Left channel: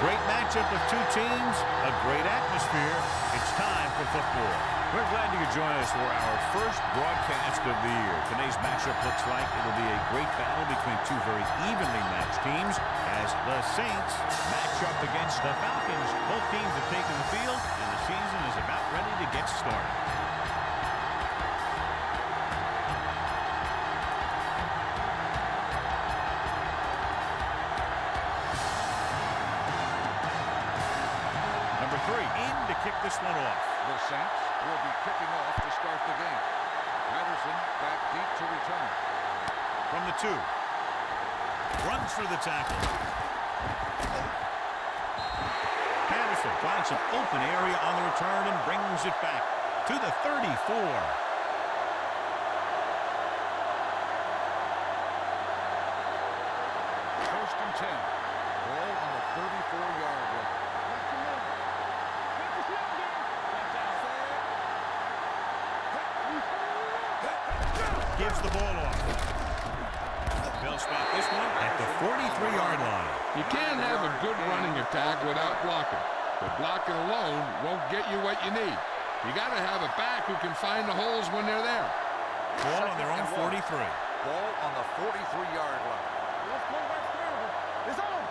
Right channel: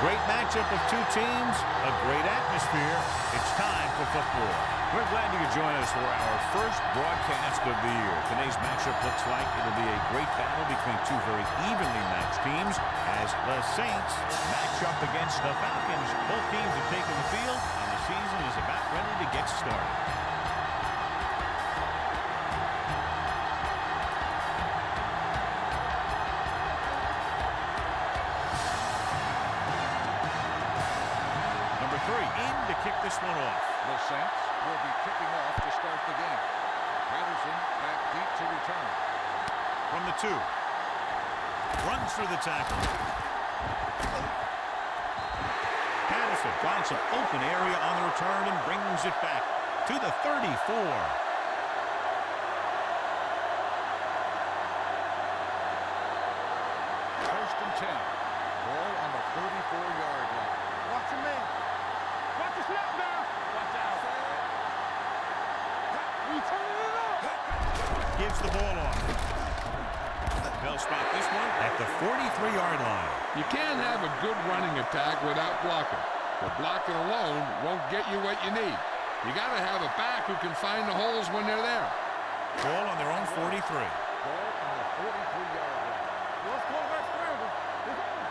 great matchup of two teams, a great atmosphere. It's time for football. We're glad you could join us for our first broadcast of the year. Today's matchup looks like it'll be a great battle between two very evenly matched teams as the Saints match up against the Falcons. Both teams have taken the field, and the season is about ready to get started. Number 3 in to kick this one off. The Saints will be kicking off to start the game. Patterson back deep to return. From the 2. Runs through the tackle. Patterson finds some open area on the return and brings it back to the 34. First and 10. Ball on the 34-yard line. Watch your man. Watch the snap down. Watch out. Gives the ball off. They'll spot this one at the 43-yard line. You can't have a good running attack without blocking. But blocking alone won't get you what you need. You got to have a back who can find the holes when they're there. Ball on their own 43. Ball on the 43-yard line. Let's go back scramble. It's on.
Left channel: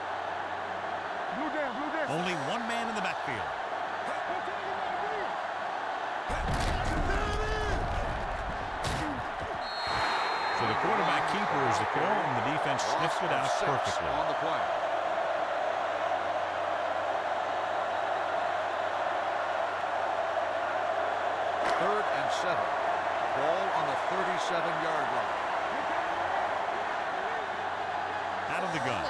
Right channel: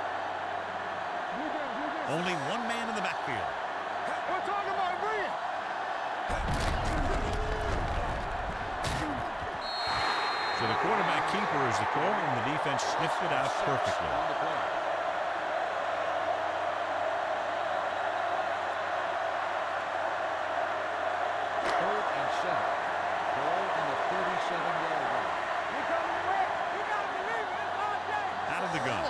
Blue down, blue down. Only one man in the backfield. We're talking about bring it. So the quarterback keeper is the call, and the defense sniffed it out perfectly. On the play. Third and 7. Ball on the 37-yard line. Out of the gun.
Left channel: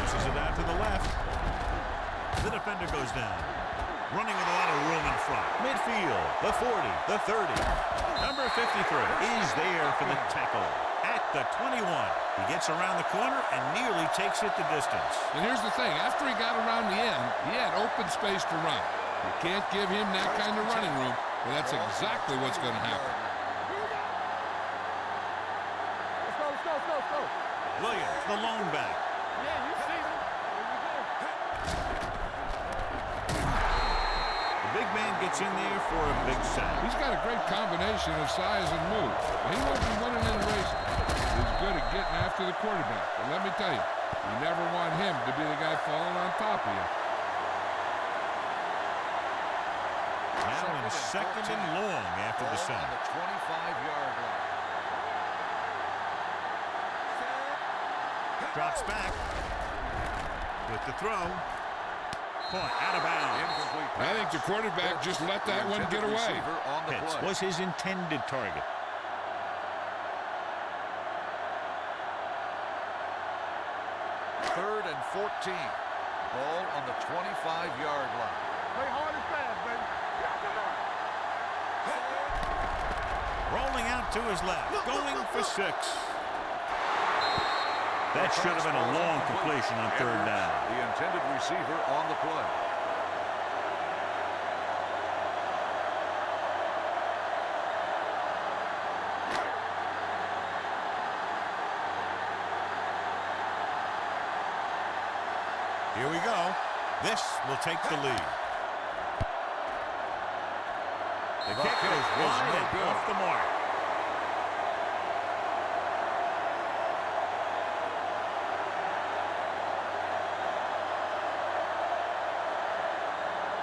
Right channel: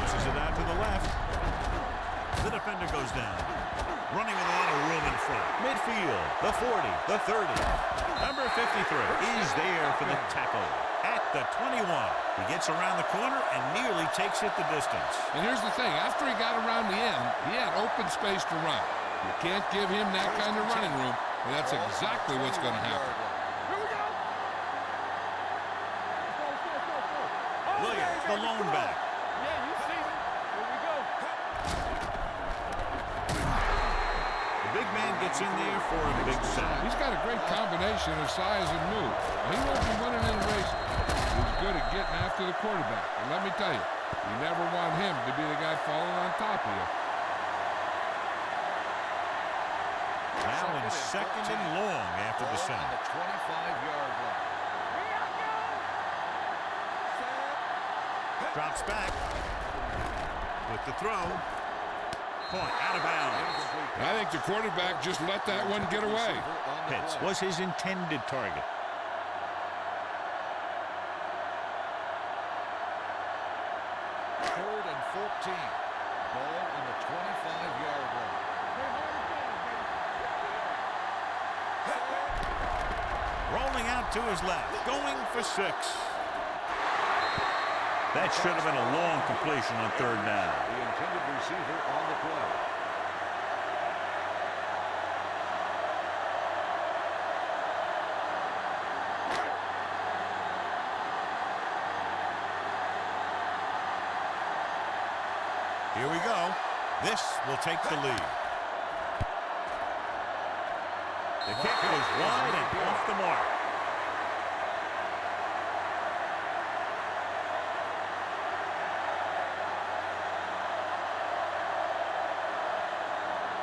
Pushes it out to the left. The defender goes down. Running with a lot of room in front. Midfield, the 40, the 30. Number 53 is there for the tackle at the 21. He gets around the corner and nearly takes it the distance. And here's the thing. After he got around the end, he had open space to run. You can't give him that kind of running room, and that's exactly what's going to happen. Here we go. Let's go. Williams, the lone back. Yeah, you see me. Here we go. The big man gets in there for a big sack. He's got a great combination of size and move. He won't be winning any races. He's good at getting after the quarterback. And let me tell you, you never want him to be the guy falling on top of you. Now in second and long after the sack. On the 25-yard line. Drops back with the throw. Point out of bounds. I think the quarterback just let that one get away. Pitts was his intended target. Third and 14. Ball on the 25-yard line. Play hard and fast, baby. Knock him out. Rolling out to his left. Going for 6. That should have been a long completion on third down. The intended receiver on the play. Here we go. This will take the lead. The kick was wide and off the mark.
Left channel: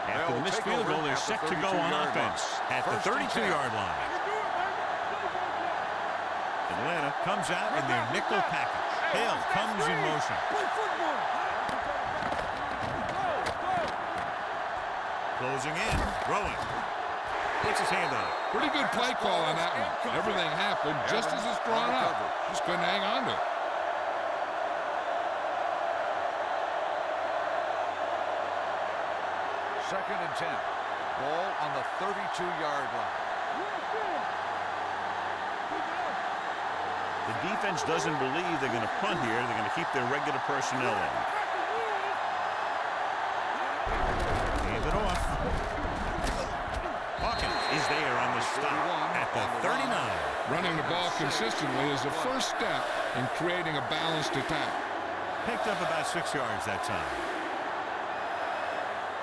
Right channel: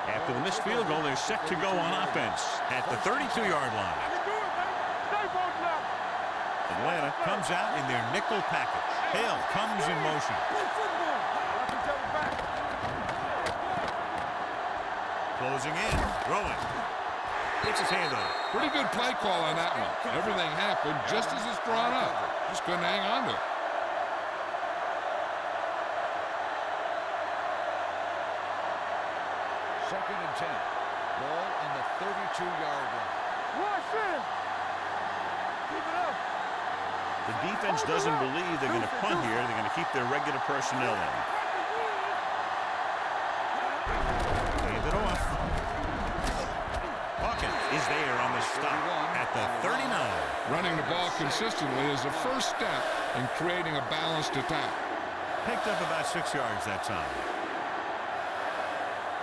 After the missed field goal, they're set to go on offense at the 32-yard line. I can do it, baby. Stay focused now. Atlanta comes out in their nickel package. Hill comes in motion. Play football. Closing in, throwing. Gets his hand on it. Pretty good play call on that one. Everything happened just as it's drawn up. Just couldn't hang on to it. Second and 10. Ball on the 32-yard line. Rush in. Keep it up. The defense doesn't believe they're going to punt here. They're going to keep their regular personnel in. Hand it off. Hawkins is there on the stop at the 39. Running the ball consistently is the first step in creating a balanced attack. Picked up about 6 yards that time.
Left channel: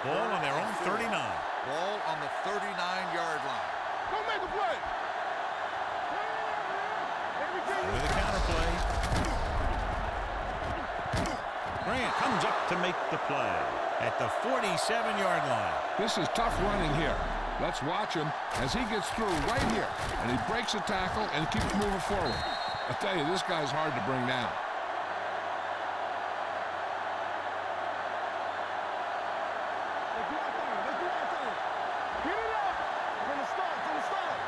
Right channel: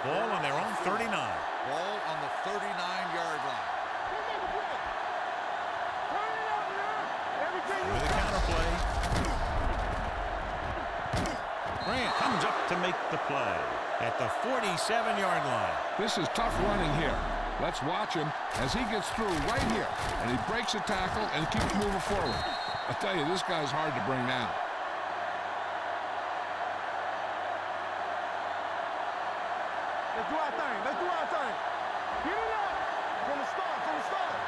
Ball on their own 39. Ball on the 39-yard line. Don't make a play. Turn it up now. Everything With a counter play. Grant comes up to make the play at the 47-yard line. This is tough running here. Let's watch him as he gets through right here. And he breaks a tackle and keeps moving forward. I tell you, this guy's hard to bring down. Let's do our thing. Let's do our thing. Get it up. From the start. From the start.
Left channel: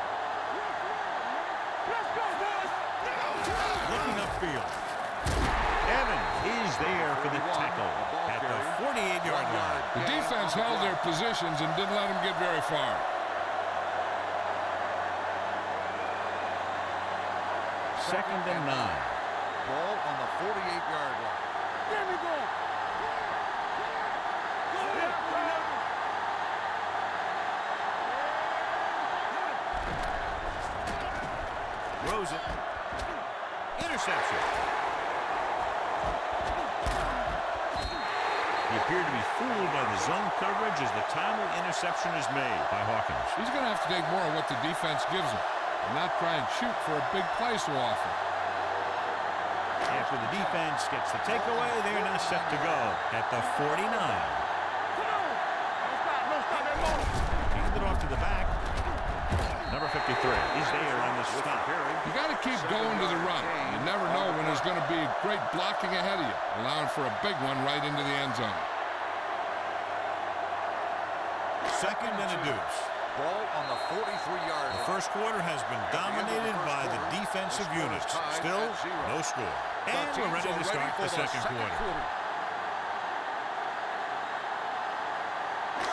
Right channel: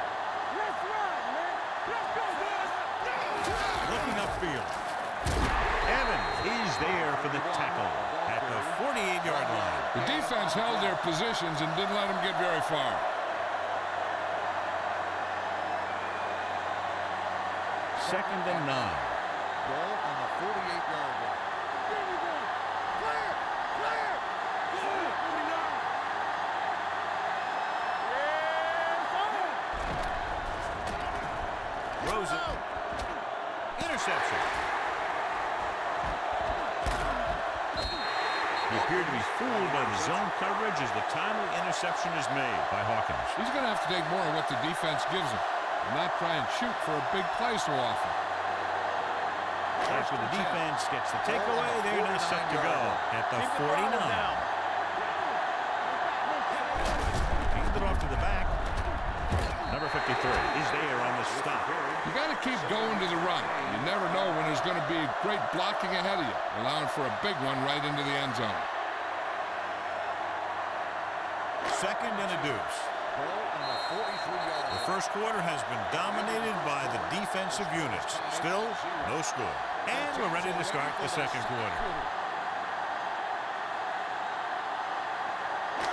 Let's run, man. Let's go, boys. Looking upfield. Evans is there for the tackle at the 48-yard line. The defense held their positions and didn't let them get very far. Second and 9. Ball on the 48-yard line. There we go. Clear. Clear. Go ahead, 49. Yeah, Throws it. Interception. He appeared to be fooled by the zone coverage as the timely interception is made by Hawkins. He's going to have to take more of what the defense gives him and not try and shoot for a big play so often. After the defense gets the takeaway, they're now set to go at the 49. Handed it off to the back. Number 53 is there on the stop. You got to keep going to the run. You never know when there's going to be great blocking ahead of you, allowing for a big one right into the end zone. Second and a deuce. Ball on the 43-yard line. The first quarter has been dominated by the defensive units. Still, no score. And we're ready to start the second quarter.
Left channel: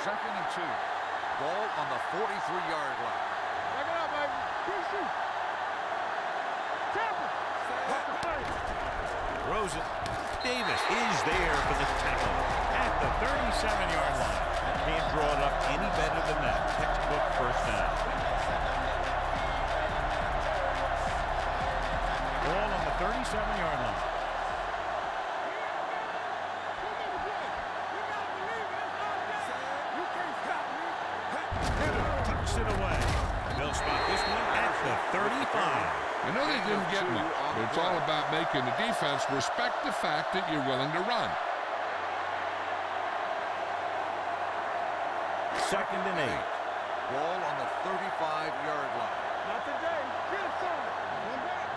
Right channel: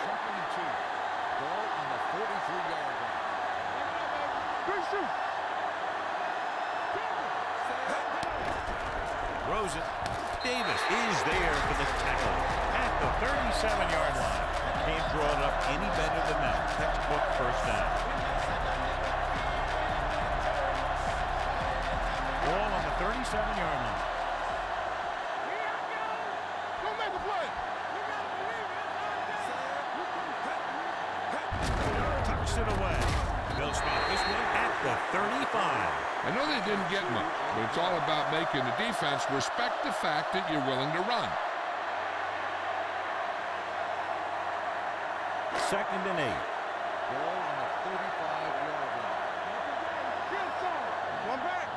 Second and 2. Ball on the 43-yard line. Back it up, baby. Good shoot. Tackle. Throws it. Davis is there for the tackle at the 37-yard line. Can't draw it up any better than that. Textbook first down. Ball on the 37-yard line. Here I go. Don't make a play. You got to believe it. It's our day. You can't stop me. Tucks it away. They'll spot this one at the 35. I know they didn't get much, but it's all about making the defense respect the fact that you're willing to run. Second and 8. Ball on the 35-yard line. Not today. Get it, son. One back.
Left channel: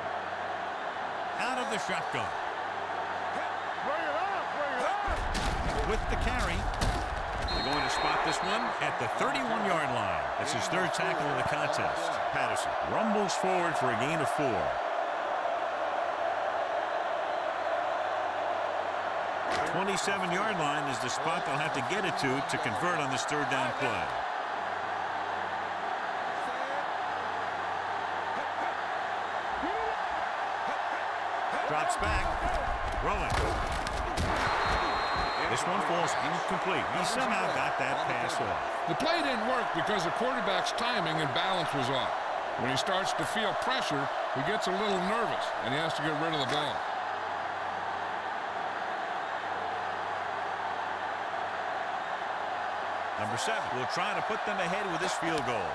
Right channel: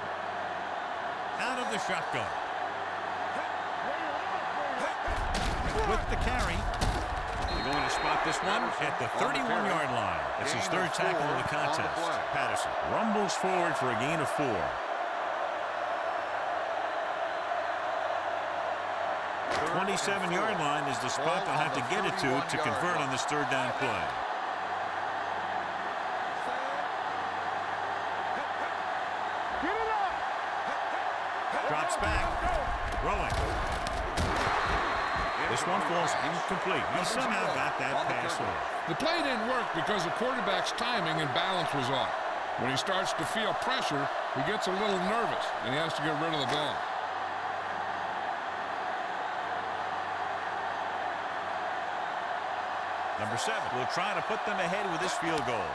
Out of the shotgun. Bring it up. Bring it up. With the carry. They're going to spot this one at the 31-yard line. That's his third tackle of the contest. Patterson rumbles forward for a gain of 4. 27-yard line is the spot they'll have to get it to convert on this third down play. Get it up. Drops back. Throwing. This one falls incomplete. He somehow got that pass off. The play didn't work because the quarterback's timing and balance was off. When he starts to feel pressure, he gets a little nervous, and he has to get rid of the ball. Number 7 will try to put them ahead with this field goal.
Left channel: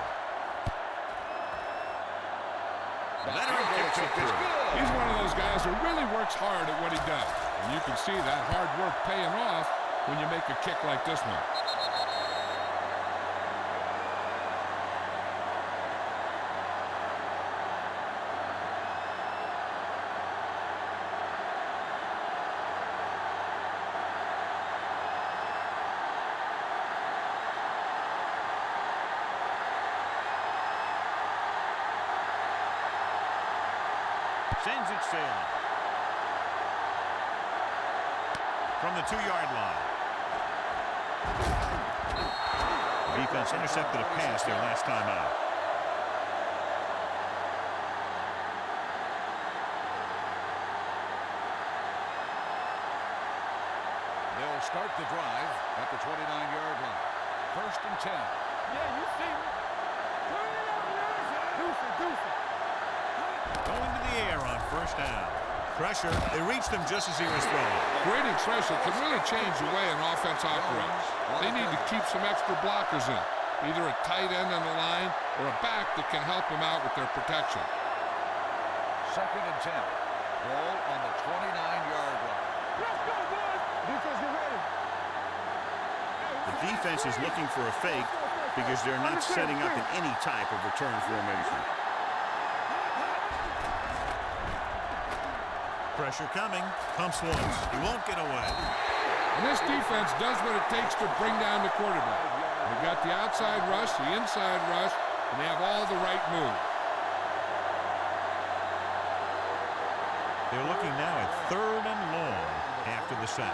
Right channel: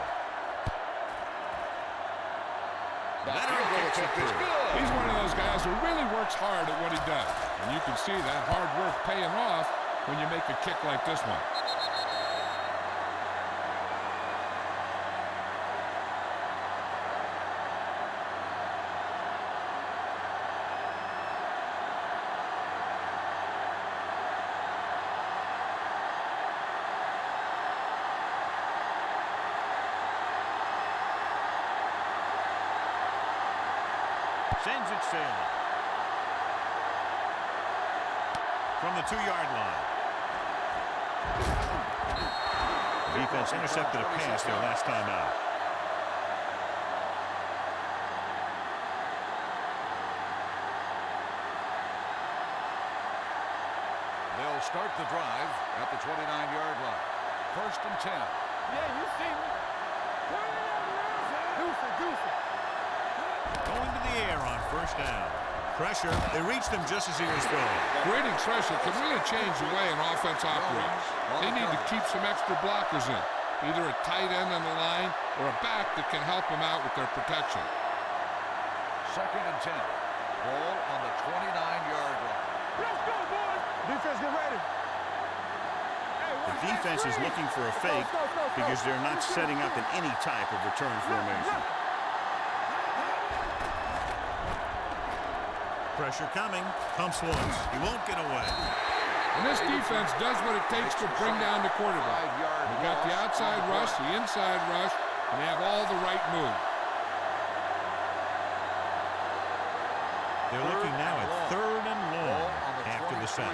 Veteran kicks it through. He's one of those guys who really works hard at what he does. And you can see that hard work paying off when you make a kick like this one. Sends it sailing. From the 2-yard line. Defense intercepted a pass their last time out. They'll start the drive at the 29-yard line. First and 10. Yeah, you see me. Turn it up now. Deuce it, deuce it. Going to the air on first down. Pressure. They reached him just as he was throwing. Creating pressure can really change the way an offense operates. They need to keep some extra blockers in, either a tight end on the line or a back that can help them out with their protection. 2nd and 10. Ball on the 29-yard line. Let's go, boys. Defense, get ready. The defense is looking for a fake because they're not setting up in any type of return formation. Pressure coming. Pumps once. He won't get away. And this defense does what it takes to bring down the quarterback. They got the outside rush, the inside rush, and they have all the right moves. They're looking now at 3rd and long after the sack.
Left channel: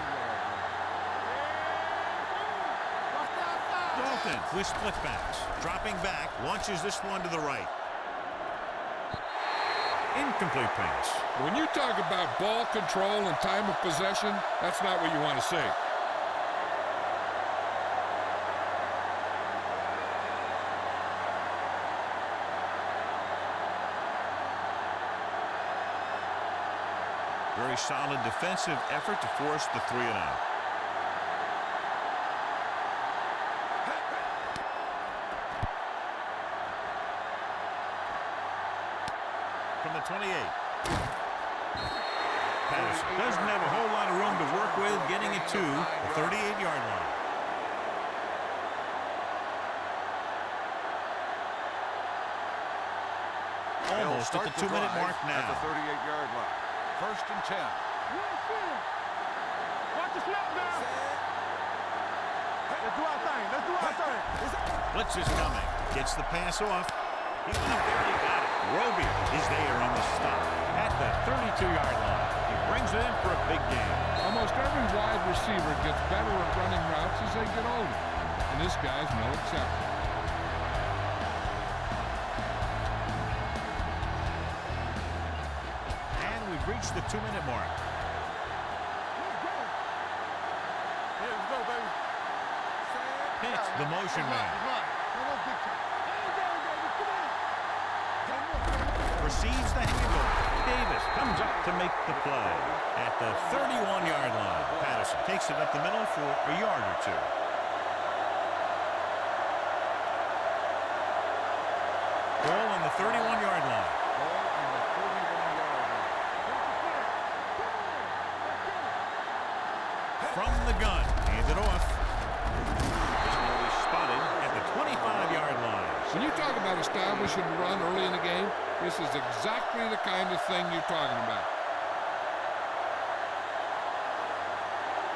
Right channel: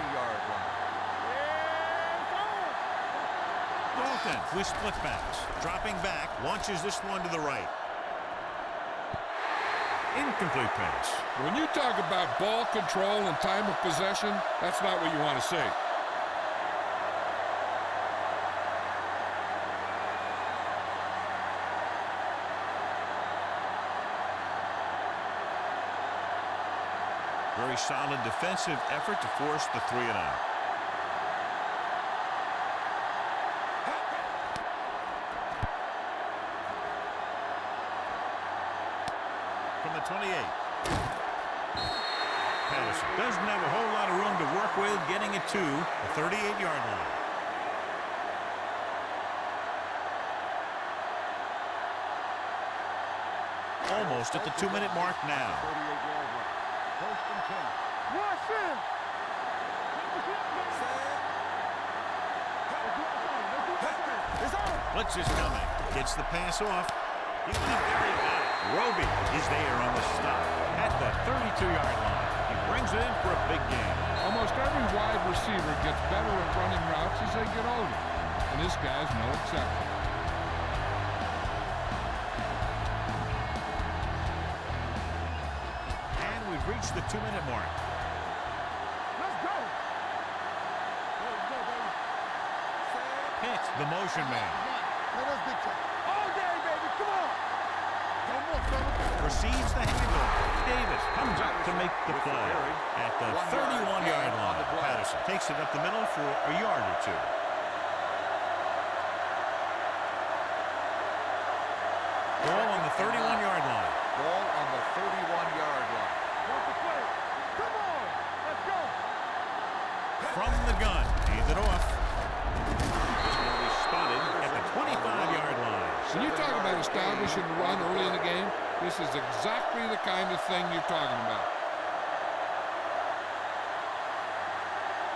Dalton with split backs. Dropping back, launches this one to the right. Incomplete pass. When you talk about ball control and time of possession, that's not what you want to see. Very solid defensive effort to force the 3 and out. From the 28. Patterson doesn't have a whole lot of room to work with, getting it to the 38-yard line. Almost at the 2-minute mark now. 38-yard line. 1st and 10. Watch him. Watch the snap down. Let's do our thing. Let's do our thing. It's on. Blitz is coming. Gets the pass off. He went up there. He got it. Roby is there on the stop at the 32-yard line. He brings it in for a big game. Almost every wide receiver gets better at running routes as they get older, and this guy's no exception. And we've reached the 2-minute mark. Let's go. Yeah, let's go, baby. Pitch, the motion man. Let's big time. All day, baby. Come on. Receives the handoff. Davis comes up to make the play at the 31-yard line. Patterson takes it up the middle for a yard or two. Ball on the 31-yard line. Ball on the 31-yard line. Watch the play. Come on. Let's go. From the gun. Hand it off. This will be spotted at the 25-yard line. When you talk about establishing the run early in the game, this is exactly the kind of thing you're talking about.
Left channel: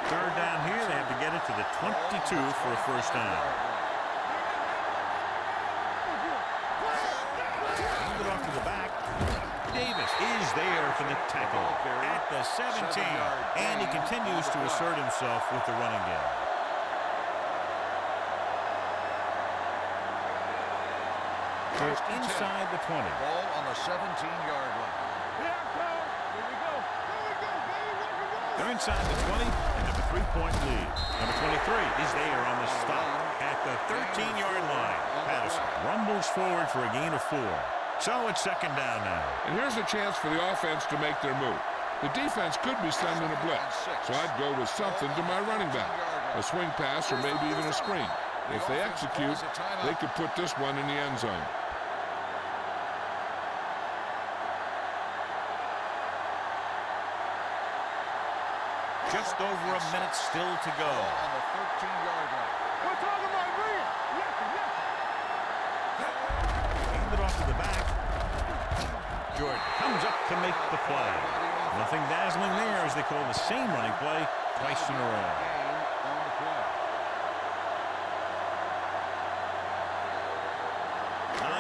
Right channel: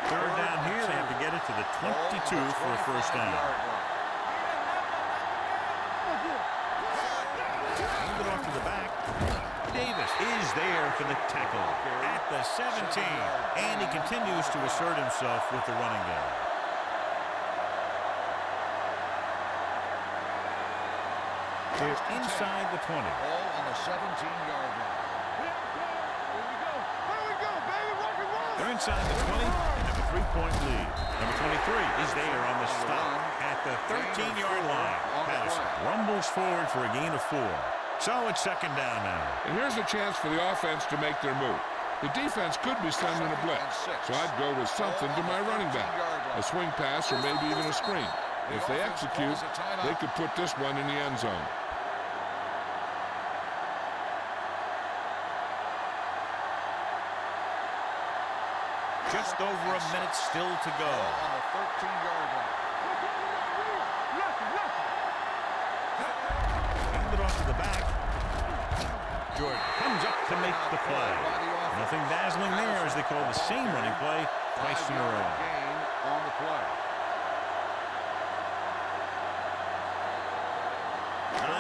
3rd down here. They have to get it to the 22 for a first down. Hand it off to the back. Davis is there for the tackle at the 17. And he continues to assert himself with the running game. They're inside the 20. Ball on the 17-yard line. Here we go. Here we go, baby. Rock and roll. They're inside the 20 and have a 3-point lead. Number 23 is there on the stop at the 13-yard line. Patterson rumbles forward for a gain of 4. So it's 2nd down now. And here's a chance for the offense to make their move. The defense could be sending a blitz, so I'd go with something to my running back. A swing pass or maybe even a screen. If they execute, they could put this one in the end zone. Just over a minute still to go. On the 13-yard line. We're talking about real. Left. Hand it off to the back. Jordan comes up to make the play. Nothing dazzling there as they call the same running play twice in a row. Gain on the play.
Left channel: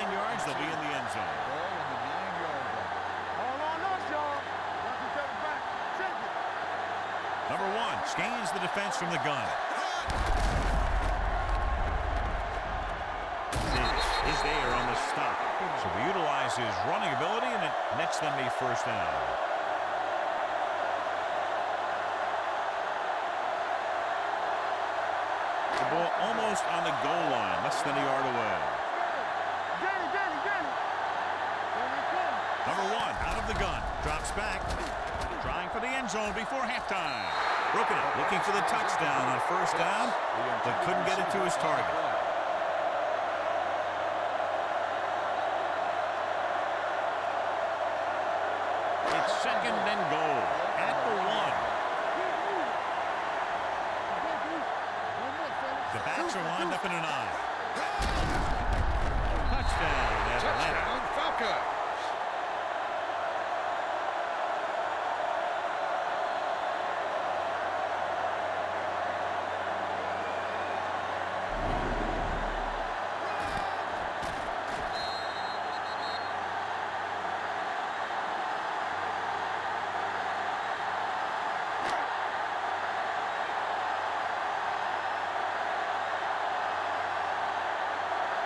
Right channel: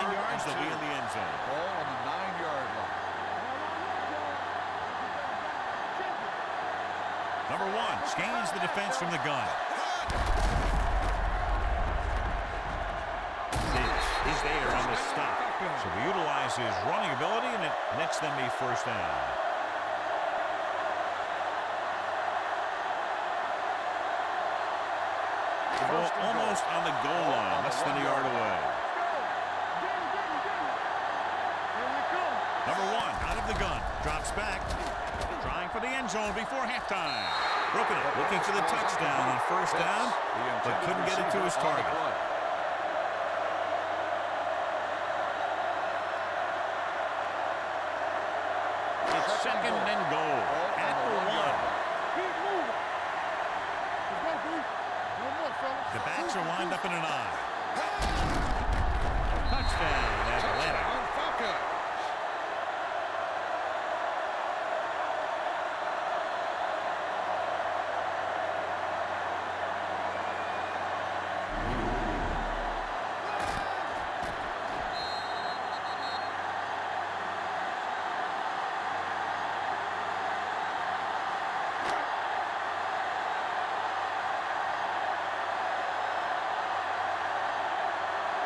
9 yards, they'll be in the end zone. Ball on the 9-yard line. All on us, y'all. Watch each other back. Check it. Number 1 scans the defense from the gun. Davis is there on the stop. So we utilize his running ability, and it nets them a first down. The ball almost on the goal line, less than a yard away. Get it. Here we come. Number 1 out of the gun. Drops back. Trying for the end zone before halftime. Broken up. Looking for the touchdown on first down, but couldn't get it to his target. It's second and goal at the 1. The backs are lined up in an I. Touchdown, Atlanta. Falcons.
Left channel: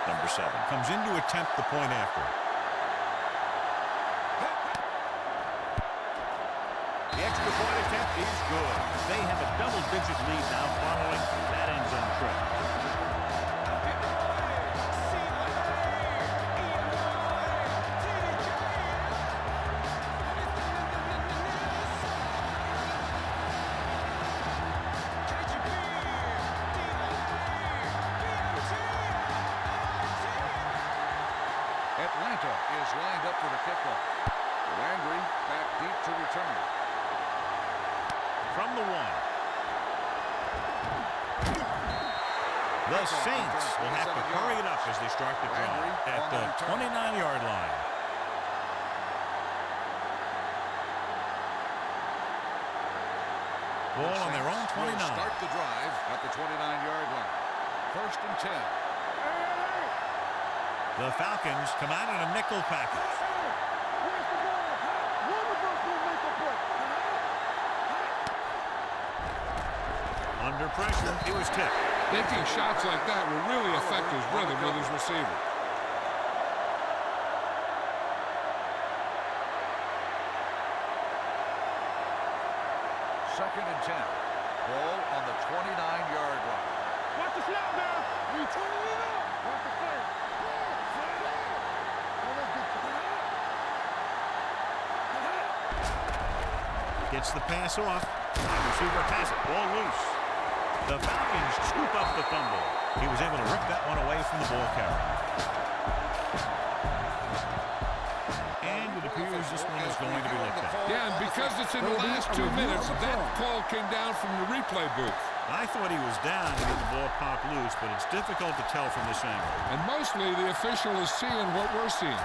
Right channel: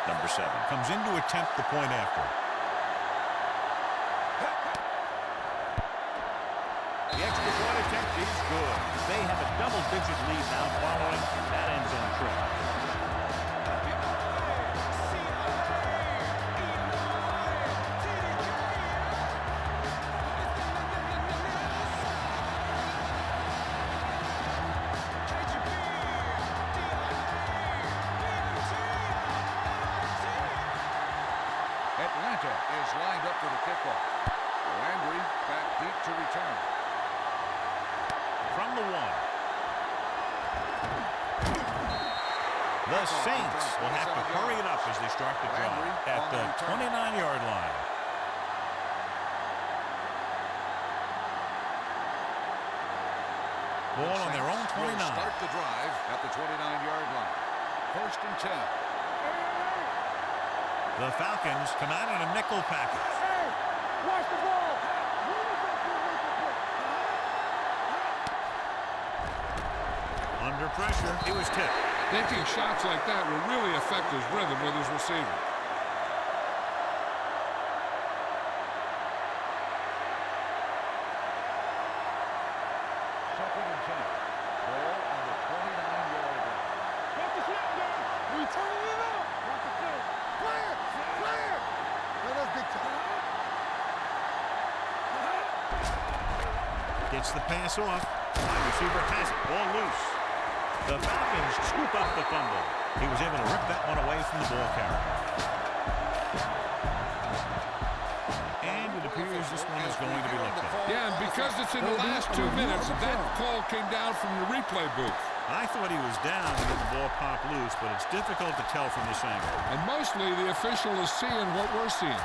Number 7 comes in to attempt the point after. The extra point attempt is good. They have a double-digit lead now following that end zone trip. Atlanta is lined up for the kickoff. Landry back deep to return. From the 1. The Saints will have to hurry it up as they start the drive at the 29-yard line. Ball on their own 29. Start the drive at the 29-yard line. First and 10. The Falcons come out in a nickel package. Hey, watch the ball. One of us will make a play. Under pressure, he was tipped. Taking shots like that will really affect his rhythm with his receiver. Second and 10. Ball on the 29-yard line. Watch the snap down. We turning it up. Watch the play. Clear. Clear. Now let's get Gets the pass off. Wide receiver has it. Ball loose. The Falcons scoop up the fumble. He was able to rip that one away from the ball carrier. And it appears this one is going to be looked at. Yeah, and because it's in the last 2 minutes, that call came down from the replay booth. I thought he was down and then the ball popped loose, but it's difficult to tell from this angle. And mostly the official is seeing what we're seeing.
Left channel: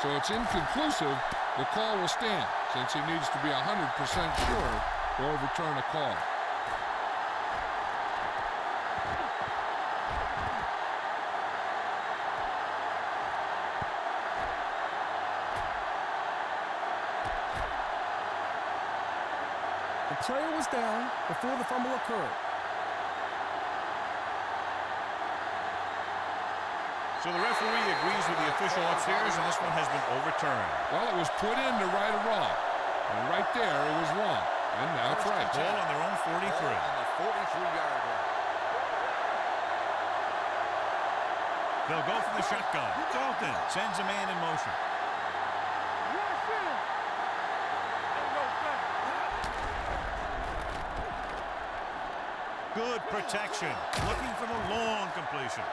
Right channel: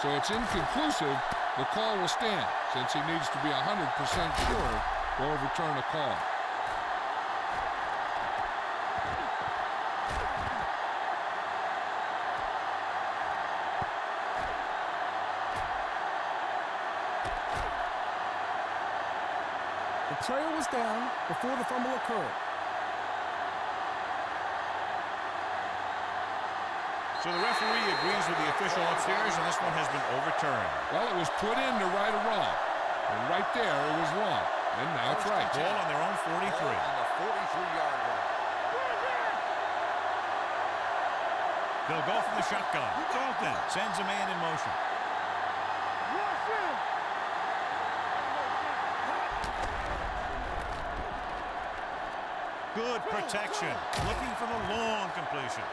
So it's inconclusive. The call will stand since he needs to be 100% sure to overturn a call. The player was down before the fumble occurred. So the referee agrees with the official upstairs, and this one has been overturned. Well, it was put in to right a wrong. And right there, it was wrong. And now it's right. Ball on their own 43. Ball on the 43-yard line. They'll go from the shotgun. Dalton sends a man in motion. Rush in. Good protection. Looking for the long completion.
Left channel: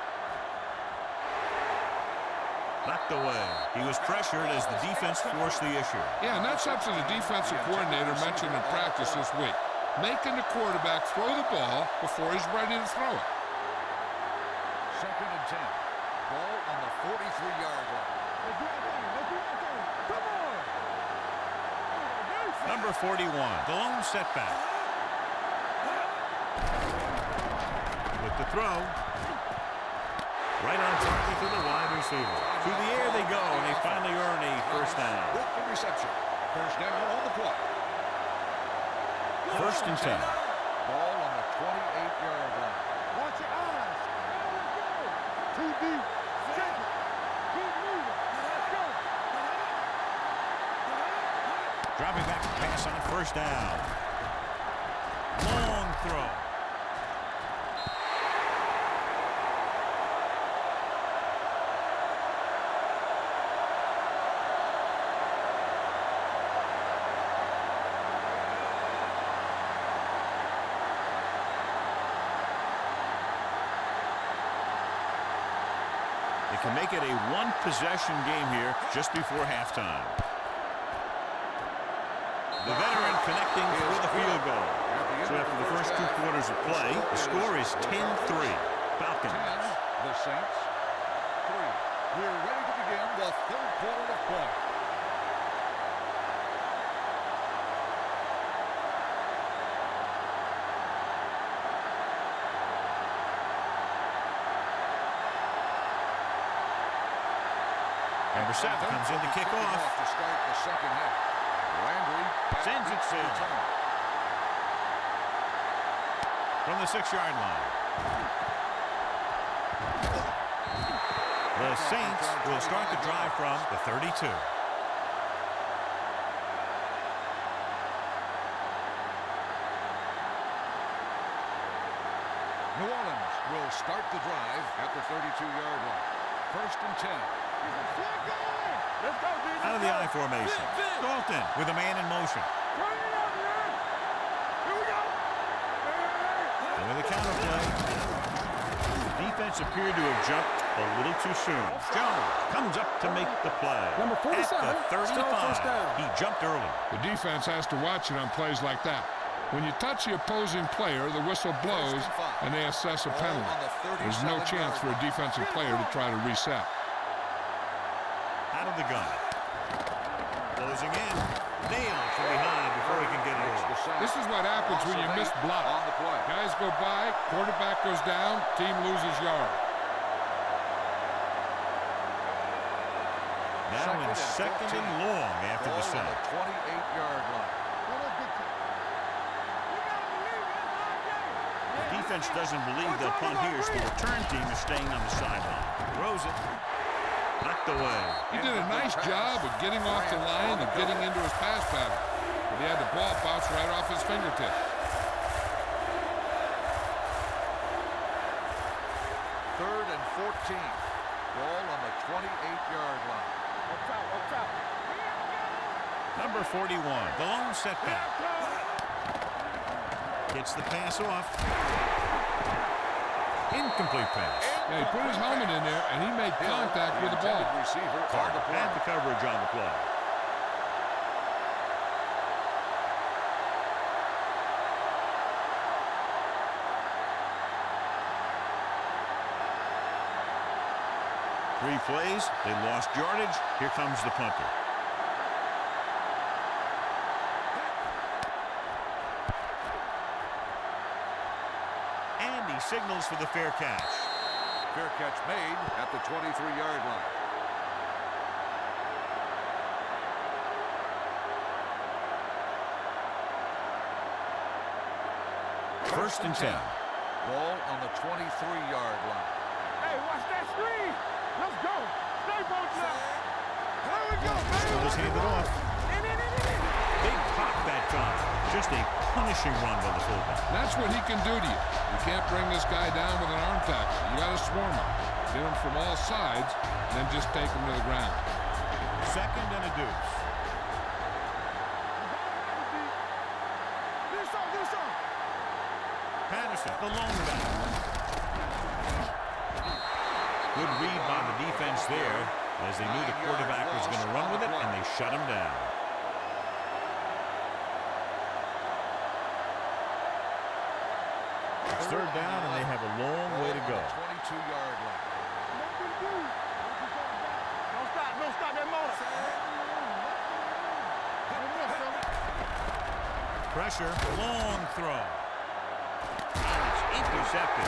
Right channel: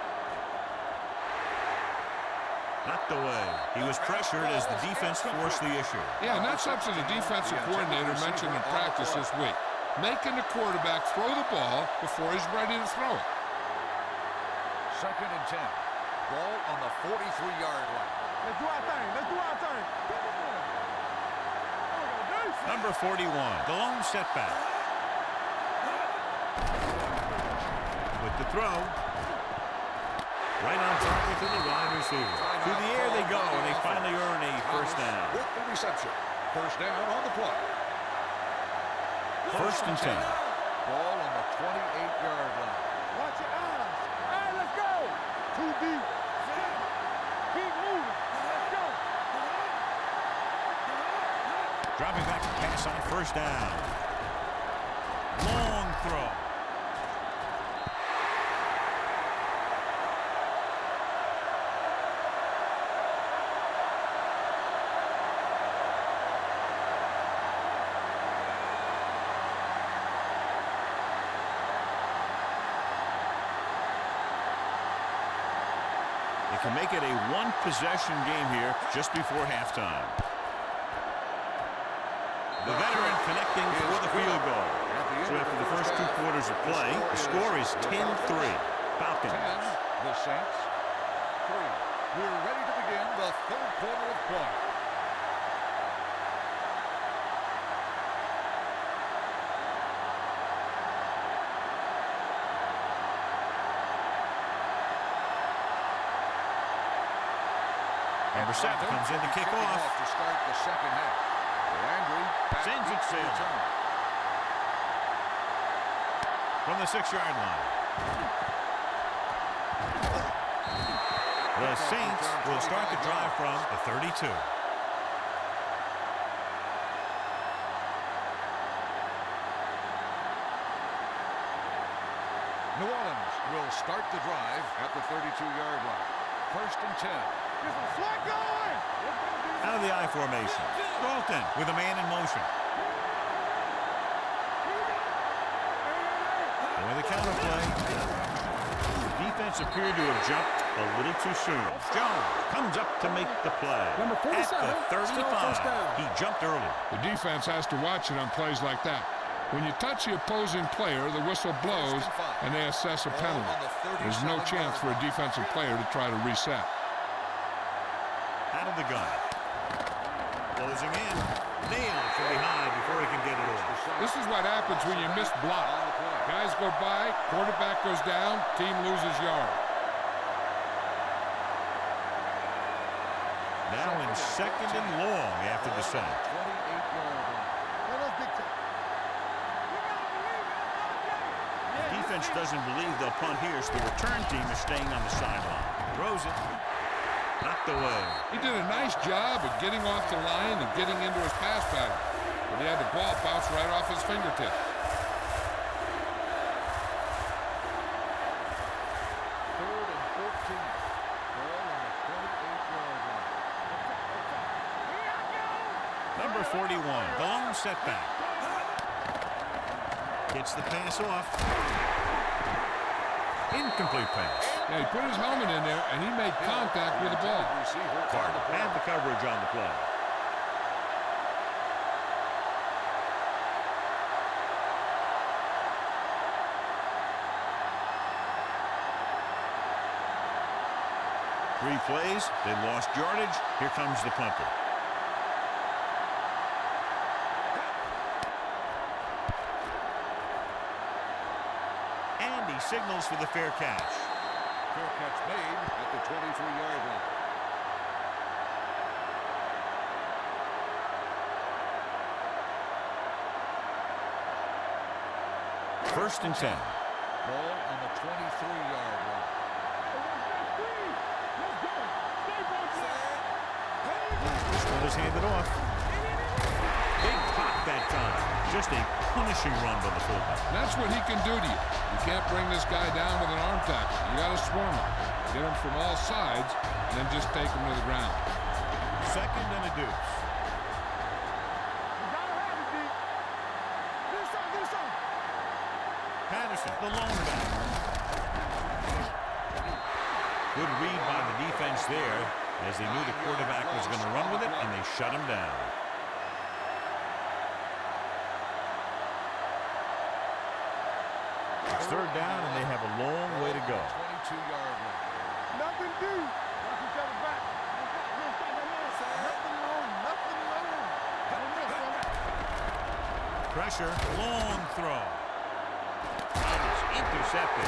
Knocked away. He was pressured as the defense forced the issue. Yeah, and that's something the defensive coordinator mentioned in practice this week. Making the quarterback throw the ball before he's ready to throw it. Second and 10. Ball on the 43-yard line. Let's do our thing. Let's do our thing. Come on. There we go, dude. Number 41, the lone setback. With the throw. Right on target to the wide receiver. Through the air they go, and they finally earn a first down. With the reception. First down on the play. First and 10. Ball on the 28-yard line. Watch your eyes. All right, let's go. Too deep. Check it. Keep moving. Let's go. Dropping back to pass on first down. Long throw. can make it a one-possession game here just before halftime. The veteran connecting for the field goal. So after the first 2 quarters of play, the score is 10-3. Falcons. 10, the Saints 3. We're ready to begin the 3rd quarter of play. Number 7 comes in to kick off. To start the second half. Landry sends it sailing. From the 6-yard line. The Saints will start the drive from the 32. New Orleans will start the drive at the 32-yard line. 1st and 10. Out of the I formation. Dalton with a man in motion. With a counter play. The defense appeared to have jumped a little too soon. Jones comes up to make the play. Number 47, at the 35. He jumped early. The defense has to watch it on plays like that. When you touch the opposing player, the whistle blows and they assess a penalty. There's no chance for a defensive player to try to reset. Out of the gun. Closing in. Nailed from behind before he can get it off. This is what happens when you miss block. Guys go by, quarterback goes down, team loses yard. Now in 2nd and long after the sack. 28-yard line. The defense doesn't believe they'll punt here, so the return team is staying on the sideline. Throws it. Knocked away. He did a nice job of getting off the line and getting into his pass pattern. But he had the ball bounce right off his fingertips. 3rd and 14. Ball on the 28-yard line. Number 41, the lone setback. Gets the pass off. Incomplete pass. Yeah, he put his helmet in there, and he made contact with the ball. Carter had the coverage on the play. Three plays, they lost yardage. Here comes the punter. And he signals for the fair catch. Fair catch made at the 23-yard line. First and 10. Ball on the 23-yard line. Hey, watch that screen. Let's go. Stay both now. This one is handed off. Big pop that time. Just a punishing run by the fullback. That's what he can do to you. You can't bring this guy down with an arm tackle. You got to swarm him. Get him from all sides, and then just take him to the ground. 2nd and a deuce. You gotta have it, D. Get us on. Patterson, the lone back. Good read by the defense there, as they knew the quarterback was going to run with it, and they shut him down. It's 3rd down, and they have a long way to go. 22-yard line. Nothing do. Watch each other back. Don't stop that motor. Nothing wrong. Pressure, long throw. And it's intercepted.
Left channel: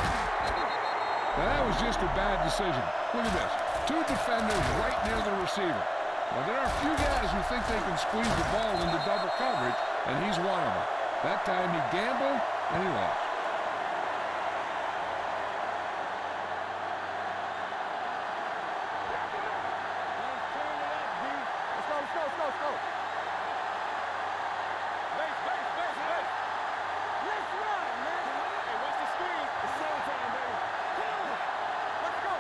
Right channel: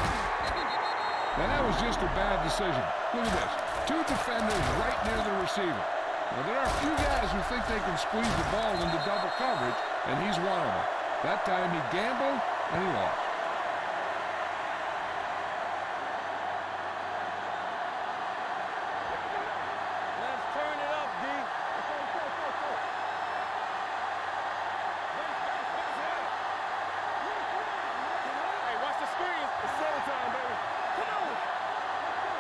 Now, that was just a bad decision. Look at this. 2 defenders right near the receiver. Now, there are a few guys who think they can squeeze the ball into double coverage, and he's one of them. That time he gambled, and he lost. Let's turn it up, D. Let's go. Wait. Let's run, man. Hey, watch the screen. It's showtime, baby. Come on. Let's go.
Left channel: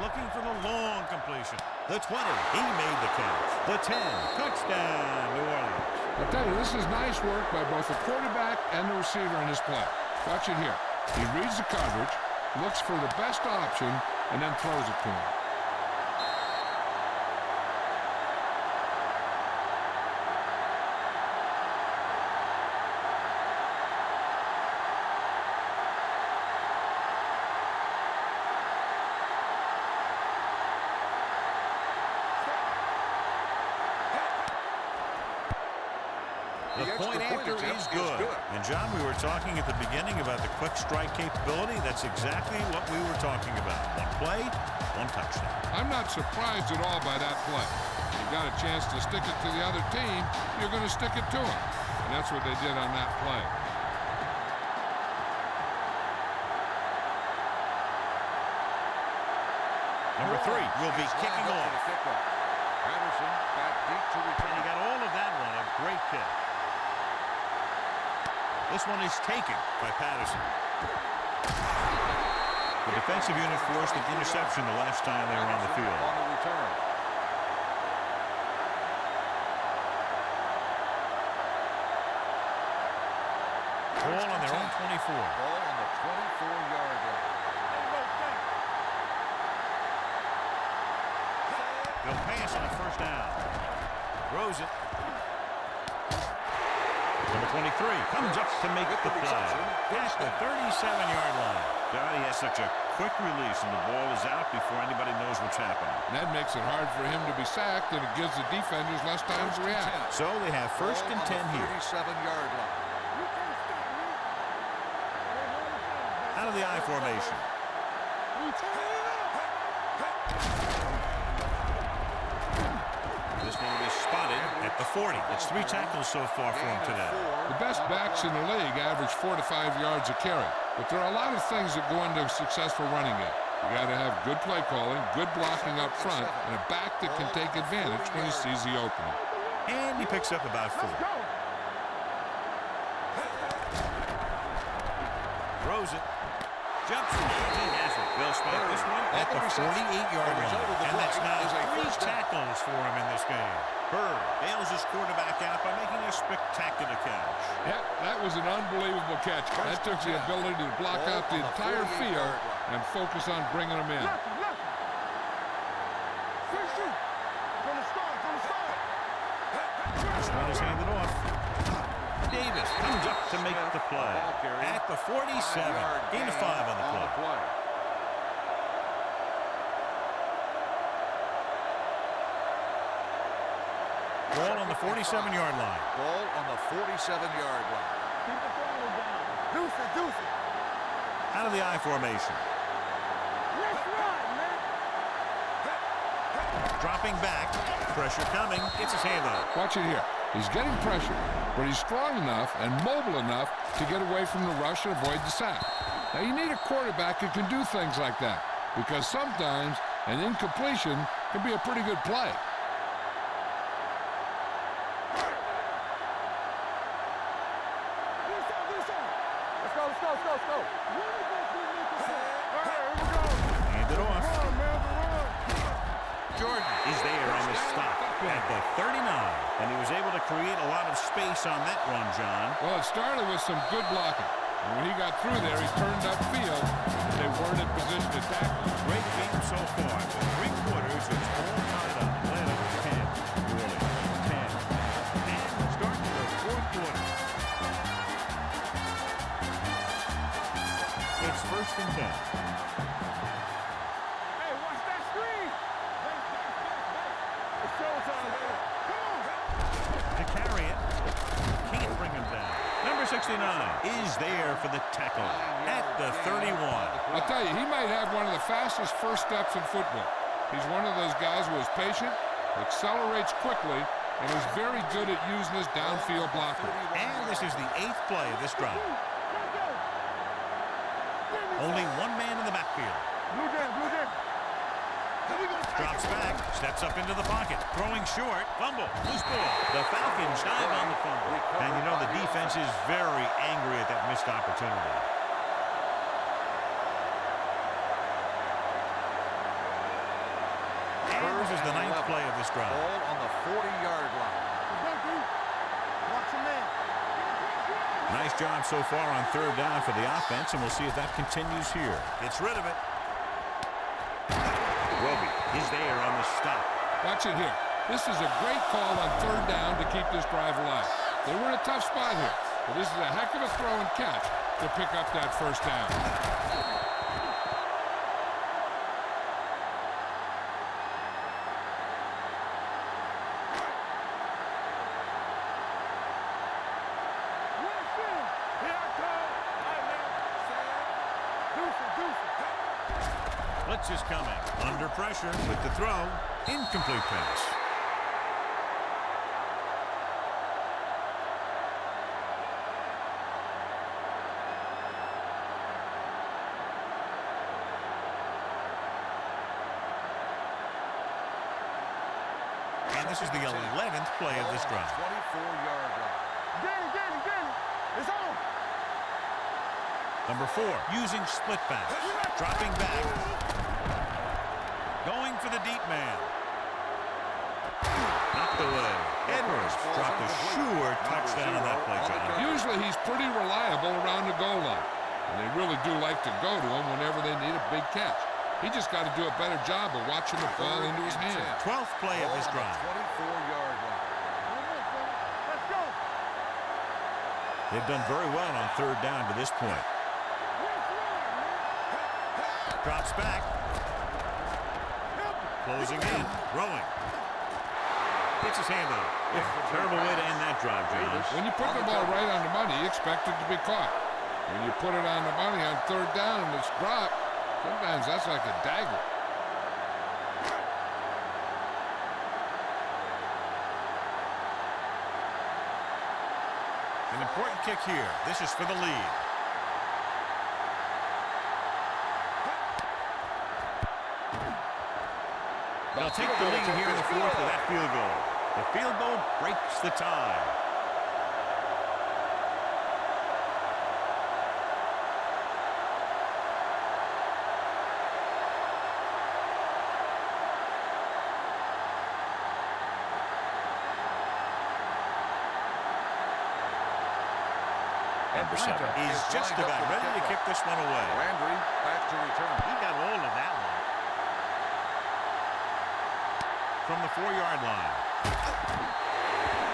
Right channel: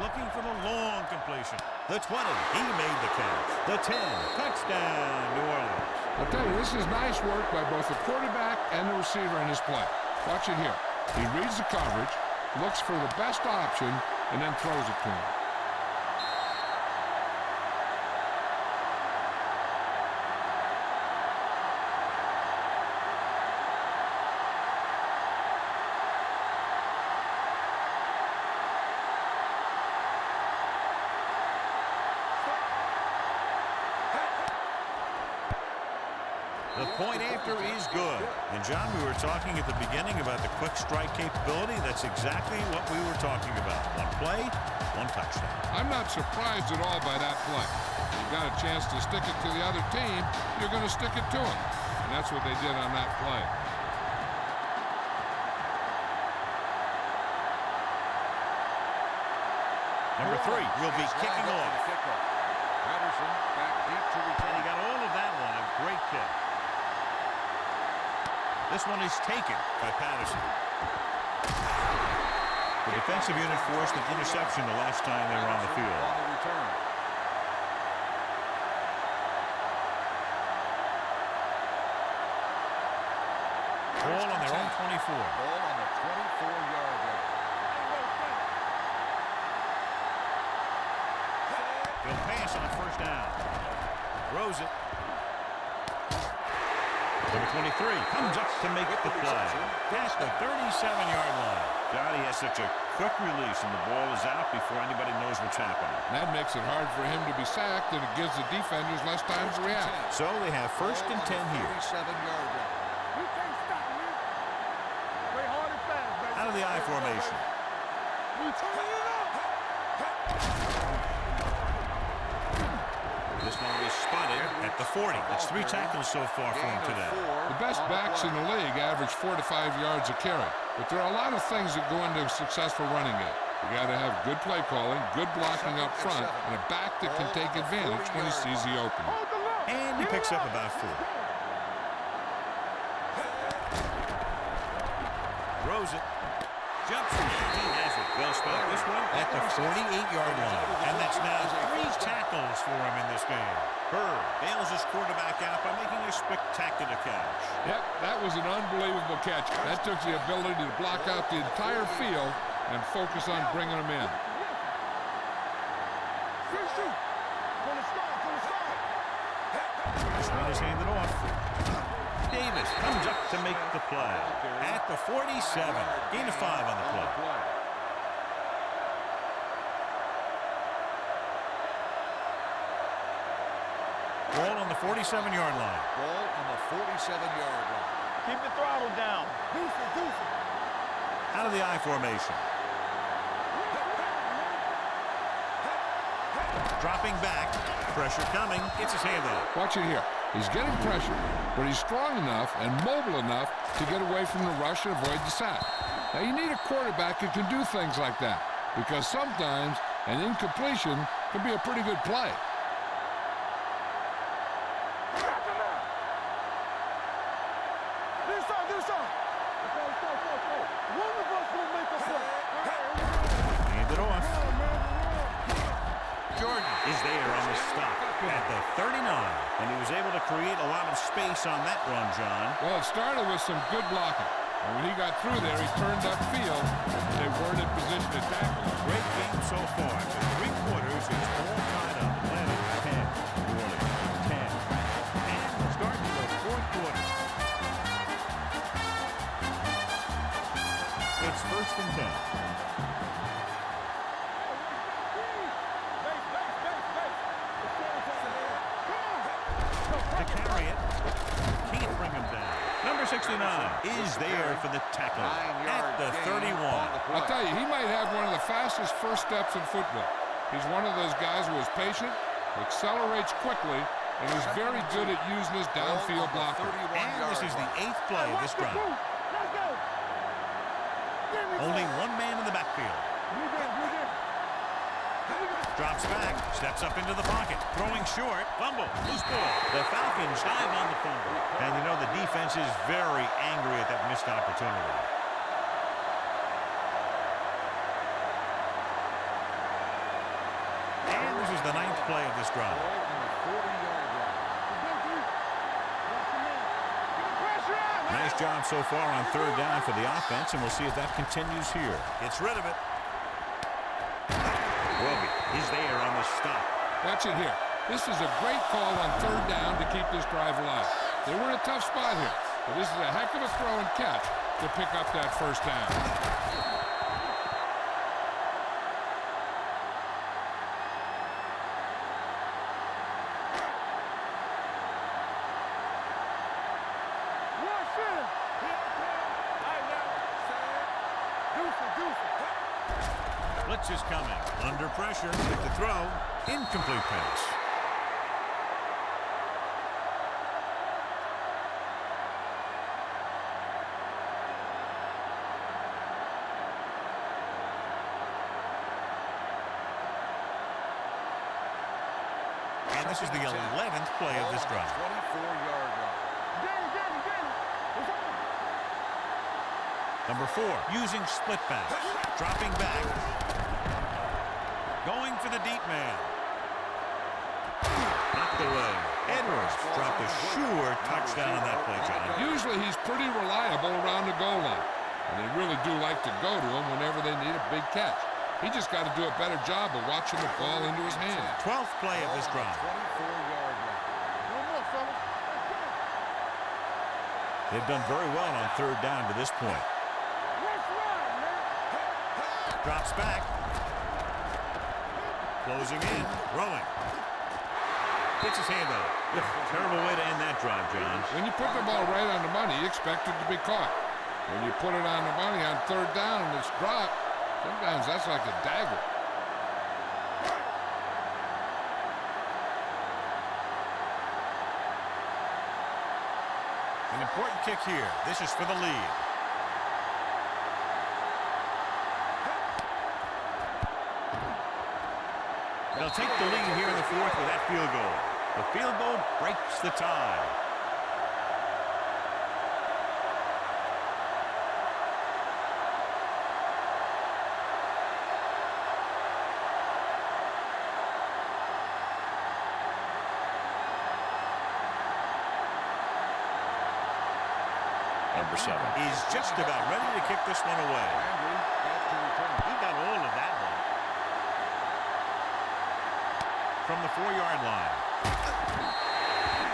Looking for the long completion. The 20, he made the catch. The 10, touchdown, New Orleans. I'll tell you, this is nice work by both the quarterback and the receiver in this play. Watch it here. He reads the coverage, looks for the best option, and then throws it to him. The point after is good. And, John, we were talking at the beginning about the quick strike capability. That's exactly what we were talking about. One play, one touchdown. I'm not surprised at all by that play. If you got a chance to stick it to the other team, you're going to stick it to them. And that's what they did on that play. Number 3 will be kicking off. Patterson back deep to return. And he got all of that one. A great kick. This one is taken by Patterson. The defensive unit forced an interception the last time they were on the field. On the return. Ball on their own 24. Ball on the 24-yard line. They'll pass on first down. Throws it. Number 23 comes up to make the play at the 37-yard line. God, he has such a quick release, and the ball is out before anybody knows what's happening. That makes it hard for him to be sacked, and it gives the defenders less time to react. So they have first and 10 here. 37-yard line. You can't stop me. Play hard and fast, baby. Out of the I formation. We turn it up. This one will be spotted at the 40. That's 3 tackles so far for him today. The best backs in the league average 4 to 5 yards a carry. But there are a lot of things that go into a successful running game. You got to have good play calling, good blocking up front, and a back that can take advantage when he sees the opening. And he picks up about 4. Throws it. Jumps in. He has it. They'll spot this one at the 48-yard line. And that's now 3 tackles for him in this game. Bird bails his quarterback out by making a spectacular catch. Yep, that was an unbelievable catch. That took the ability to block out the entire field and focus on bringing them in. From the start, from the start. This one is handed off. Davis comes up to make the play at the 47. Gain of 5 on the play. Ball on the 47-yard line. Ball on the 47-yard line. Keep the throttle down. Deuce it. Out of the I formation. Let's run, man. Dropping back. Pressure coming. Gets his hand on it. Watch it here. He's getting pressure, but he's strong enough and mobile enough to get away from the rush and avoid the sack. Now, you need a quarterback who can do things like that, because sometimes an incompletion can be a pretty good play. Let's go. One of us will make a play. All right, here we go. Hand it off. Run, man, run. Jordan is there on the stop at the 39. And he was able to create a lot of space on that run, John. Well, it started with some good blocking. And when he got through there, he turned upfield. They weren't in position to tackle. Great game so far. After 3 quarters, it's all tied up. Atlanta 10, New Orleans 10. And we'll start the 4th quarter. It's first and 10. Hey, watch that screen. Base. It's showtime, man. Come on. To carry it. Can't bring him down. Number 69 is there for the tackle at the 31. I'll tell you, he might have one of the fastest first steps in football. He's one of those guys who is patient, accelerates quickly, and is very good at using his downfield blocker. And this is the 8th play of this drive. Let's go. Only one man in the backfield. Blue down. Drops back, steps up into the pocket, throwing short, fumble, loose ball. The Falcons dive on the fumble. And you know the defense is very angry at that missed opportunity. And this is the 9th play of this drive. Ball on the 40-yard line. Watch him, man. Get the pressure out. Nice job so far on third down for the offense, and we'll see if that continues here. Gets rid of it. Roby is there on the stop. Watch it here. This is a great call on third down to keep this drive alive. They were in a tough spot here, but this is a heck of a throw and catch to pick up that first down. Blitz is coming. Under pressure with the throw. Incomplete pass. And this is the 11th play of this drive. 24-yard line. Danny, it's on. Number 4, using split back. Dropping back. Going for the deep man. Knocked away. Edwards dropped a sure touchdown on that play, John. Usually he's pretty reliable around the goal line, and they really do like to go to him whenever they need a big catch. He just got to do a better job of watching the ball into his hand. 12th play of this drive. 24-yard line. One more, fella. Let's go. They've done very well on third down to this point. Let's run, man. Drops back. Closing in. Throwing. Gets his hand on it. Terrible way to end that drive, John. When you put the ball right on the money, you expect it to be caught. When you put it on the money on third down and it's dropped, sometimes that's like a dagger. An important kick here. This is for the lead. They'll take the lead here in the fourth with that field goal. The field goal breaks the tie. Number 7 is just about ready to kick this one away. Landry back to return. He got all of that one. From the 4-yard line.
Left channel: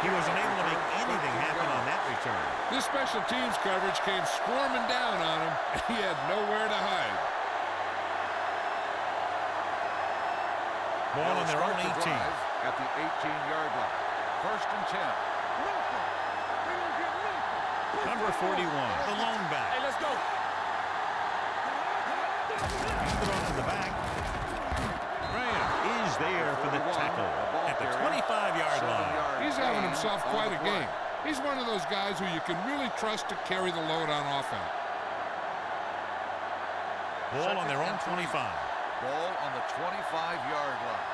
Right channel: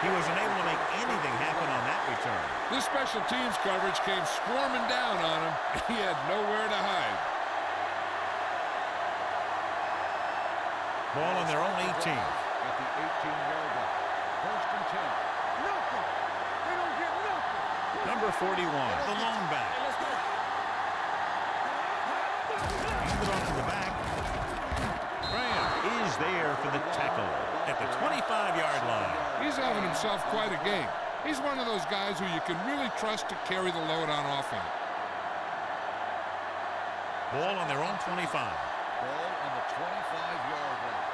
He was unable to make anything happen on that return. This special teams coverage came swarming down on him. He had nowhere to hide. Ball on their own 18. At the 18-yard line. 1st and 10. Nothing. They don't get nothing. Number 41, the lone back. Hey, let's go. Hand it off to the back. Graham is there for the tackle at the 25-yard line. He's having himself quite a game. He's one of those guys who you can really trust to carry the load on offense. Ball on their own 25. Ball on the 25-yard line.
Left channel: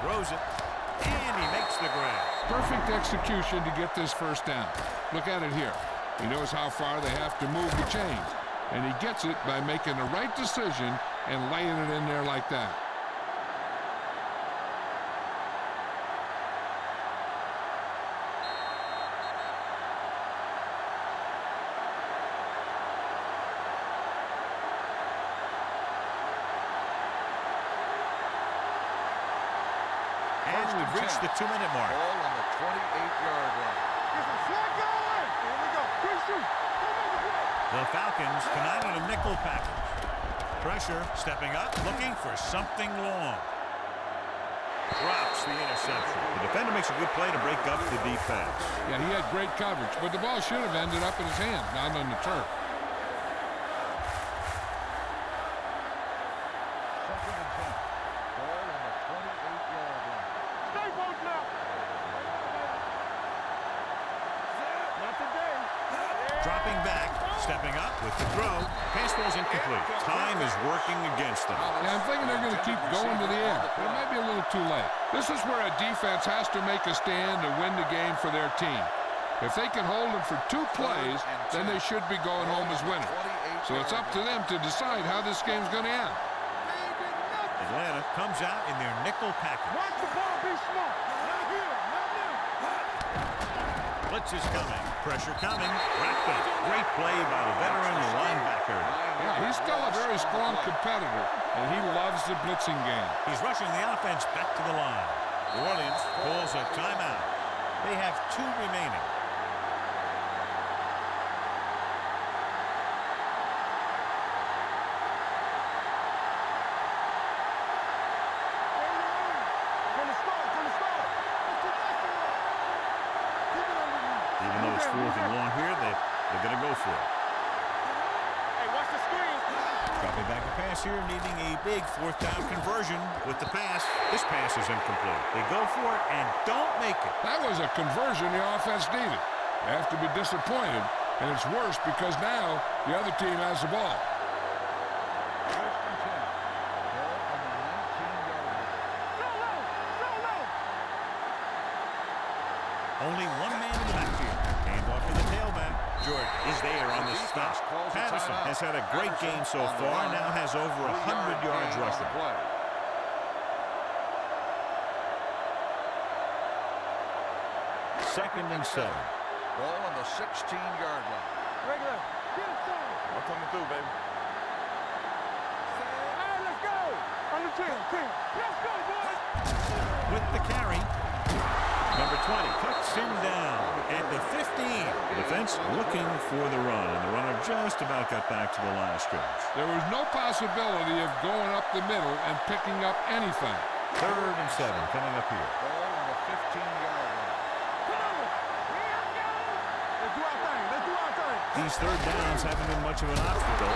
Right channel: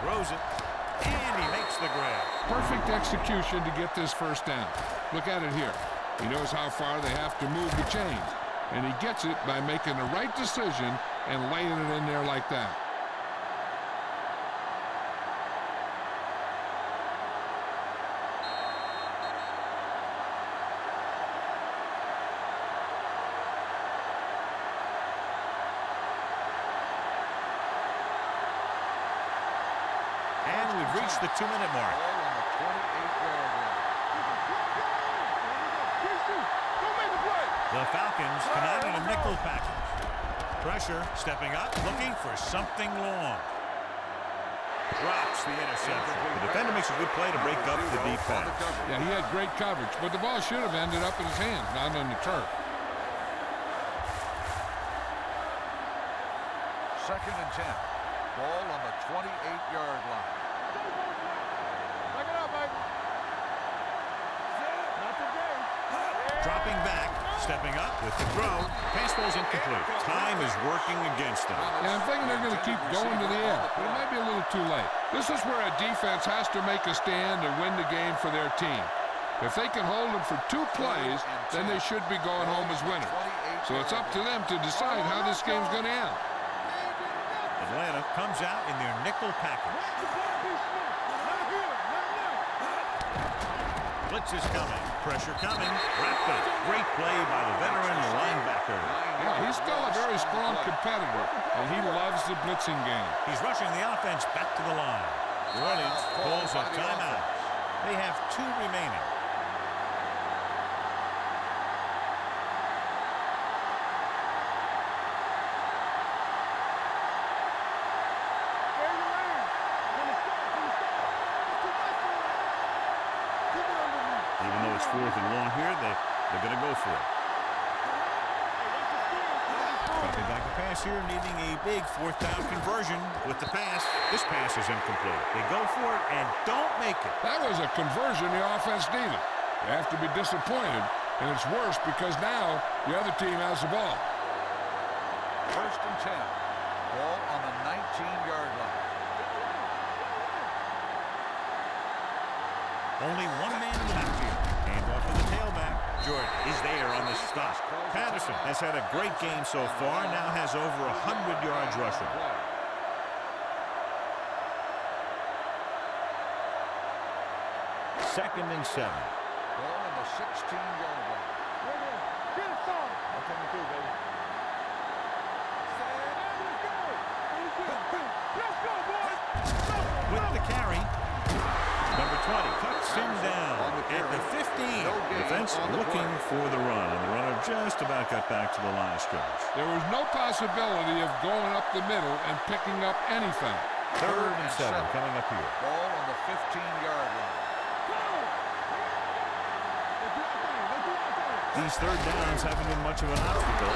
Throws it, and he makes the grab. Perfect execution to get this first down. Look at it here. He knows how far they have to move the chains, and he gets it by making the right decision and laying it in there like that. And we've reached the 2-minute mark. Ball on the 28-yard line. Get the flag going. Here we go. Good shoot. Go make a play. The Falcons come out in a nickel package. Pressure, stepping up, looking for something long. Drops the interception. The defender makes a good play to break up the defense. Yeah, he had great coverage, but the ball should have ended up in his hands, not on the turf. 2nd and 10. Ball on the 28-yard line. Stay both now. Back it up, baby. Not today. Dropping back, stepping up with the throw. Pass ball's incomplete. Time is working against them. Yeah, I'm thinking they're going to keep going to the air, but it might be a little too late. This is where a defense has to make a stand and win the game for their team. If they can hold them for 2 plays, then they should be going home as winners. So it's up to them to decide how this game's going to end. Atlanta comes out in their nickel package. Watch the ball, be smart. Not here, not now. Blitz is coming. Pressure coming. Wrapped up. Great play by the veteran linebacker. Yeah, he's still a very strong competitor, and he loves the blitzing game. He's rushing the offense back to the line. New Orleans calls a timeout. They have 2 remaining. Even though it's 4th and long here, they're going to go for it. Hey, watch the screen. Dropping back the pass here, needing a big 4th down conversion with the pass. This pass is incomplete. They go for it and don't make it. That was a conversion the offense needed. They have to be disappointed, and it's worse because now the other team has the ball. 1st and 10. Ball on the 19-yard line. Only one man in the backfield. Handoff to the tailback. Jordan is there on the stop. Patterson has had a great game so far, now has over 100 yards rushing. 2nd and 7. Ball on the 16-yard line. Regular. Get it started. I'm coming through, baby. Hey, let's go. On the 10. Let's go, boys. With the carry. Number 20 cuts him down at the 15. Defense looking for the run, and the runner just about got back to the line of scrimmage. There was no possibility of going up the middle and picking up anything. 3rd and 7 coming up here. Ball on the 15-yard line. Come on. Let's do our thing. Let's do our thing. These 3rd downs haven't been much of an obstacle,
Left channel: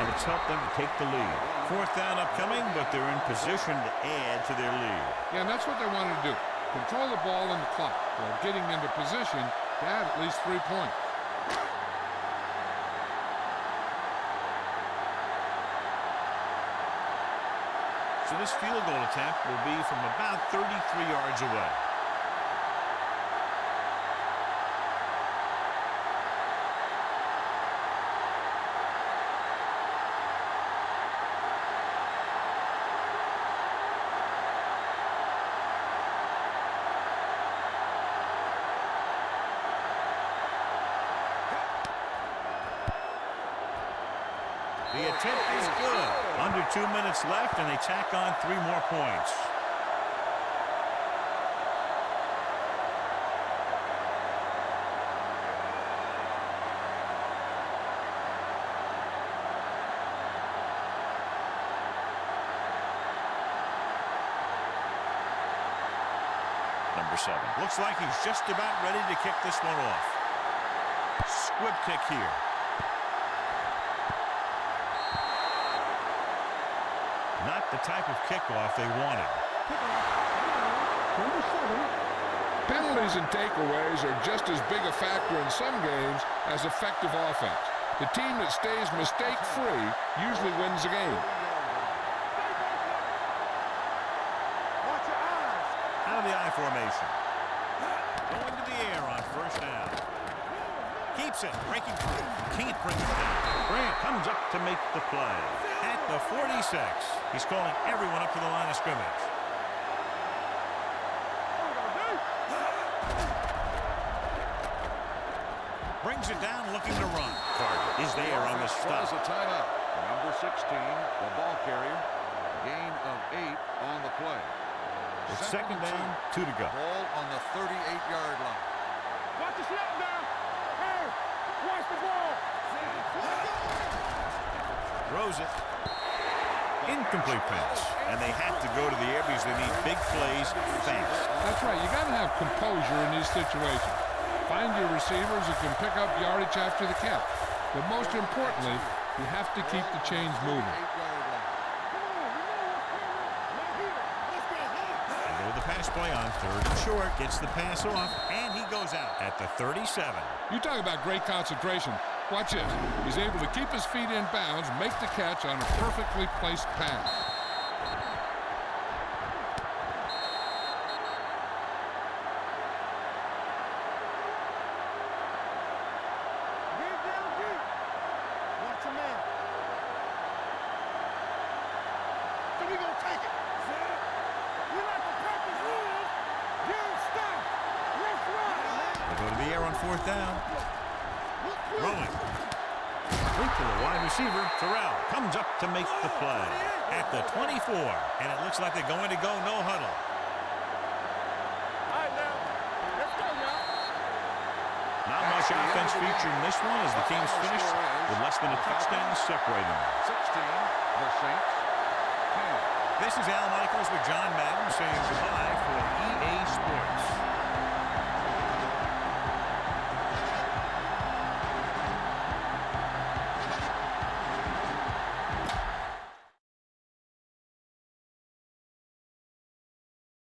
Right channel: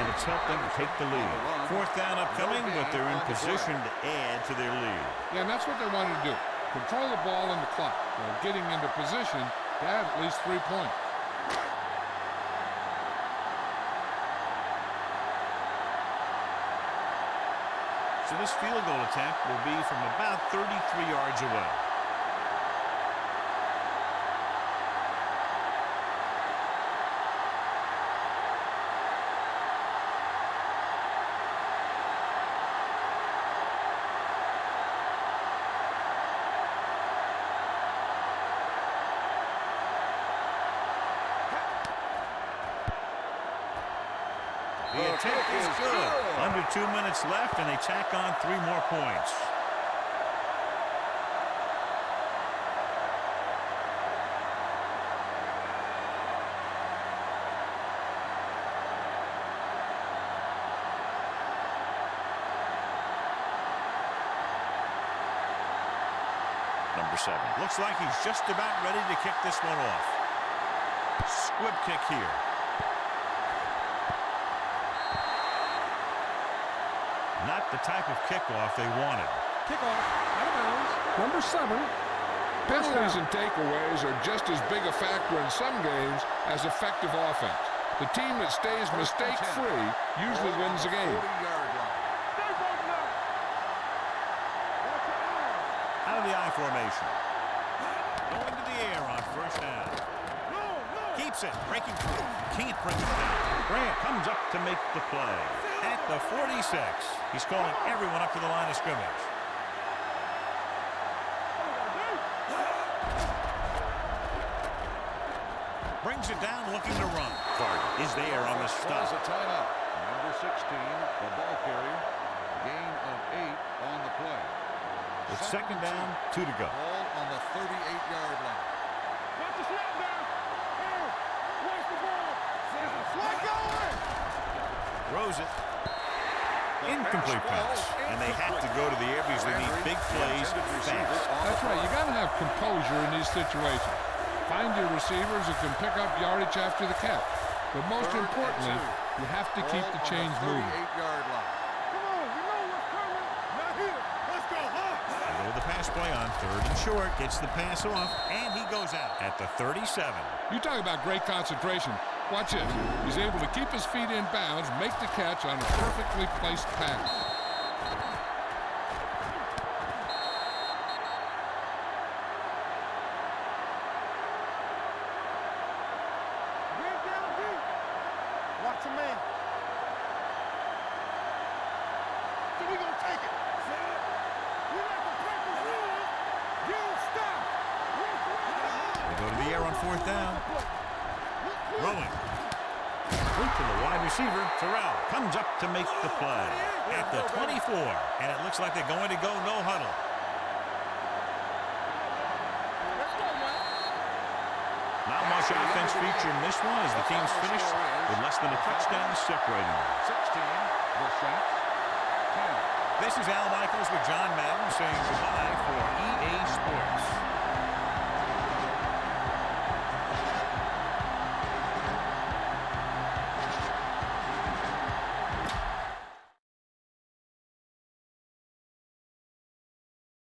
and it's helped them to take the lead. 4th down upcoming, but they're in position to add to their lead. Yeah, and that's what they wanted to do. Control the ball and the clock while getting into position to add at least 3 points. So this field goal attempt will be from about 33 yards away. The attempt is good. Under 2 minutes left, and they tack on 3 more points. Number 7. Looks like he's just about ready to kick this one off. Squib kick here. Not the type of kickoff they wanted. Kickoff. Number 7. Penalties and takeaways are just as big a factor in some games as effective offense. The team that stays mistake-free usually wins the game. Out of the I formation. Going to the air on 1st down. Keeps it, breaking through. Can't bring him down. Grant comes up to make the play. At the 46. He's calling everyone up to the line of scrimmage. Brings it down, looking to run. Carter is there on the stop. A timeout. Number 16, the ball carrier. Gain of 8 on the play. It's 2nd down, 2 to go. Ball on the 38-yard line. Watch the snap down. Hey, watch the ball. Throws it. Incomplete pass. And they have to go to the air because they need big plays fast. That's right. You got to have composure in these situations. Find your receivers who can pick up yardage after the catch. But most importantly, you have to keep the chains moving. They go with the pass play on 3rd and short. Gets the pass off, and he goes out at the 37. You talk about great concentration. Watch this. He's able to keep his feet in bounds, make the catch on a perfectly placed pass. Get down deep. Watch a man. So we gonna take it. We like to practice rules. You stop. Let's run. They go to the air on 4th down. Throwing. Complete to the wide receiver. Terrell comes up to make the play at the 24. And it looks like they're going to go no huddle. All right, now. Let's go now. Not much offense feature in this one as the team's finished with less than a touchdown separating them. 16, the Saints, 10. This is Al Michaels with John Madden saying goodbye for EA Sports.